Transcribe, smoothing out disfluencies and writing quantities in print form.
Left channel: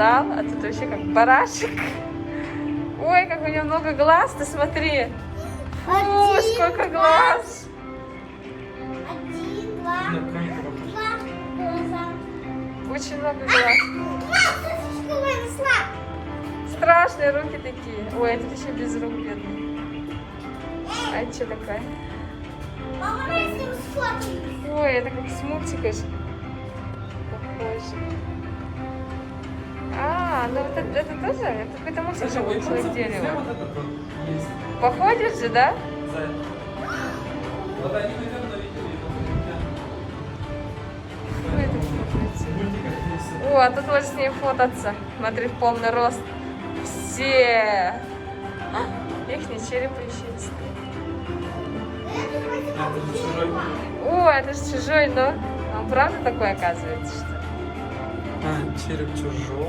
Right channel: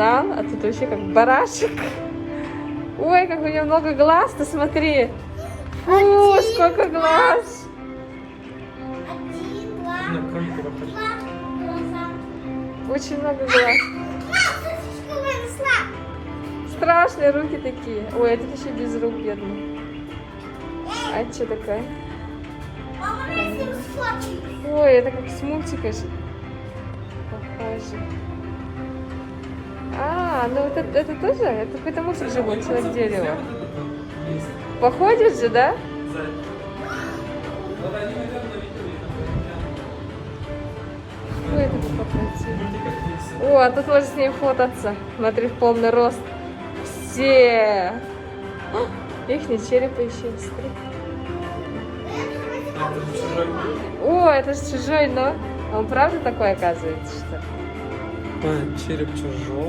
фазан, а тут вообще как барашек. Ой, как у него много глаз, ты смотри. Фу, сколько глаз. Один, два, два глаза. Очень много глаз. Слаб. Страшные руки такие. Ой, это еще без рук, бедный. А это что такое? А у меня с ним сладкий. Ой, это как смурчикаешь. А, ну это тоже? Это какой-то мусор на дерево. Походишь же, да? Ой, это красавица. О, а тут можно с ней фотаться. Смотри, в полный рост. Все. Ихний череп еще стоит. О, это же чужой, но он правда такой оказывается, что? Череп чужого.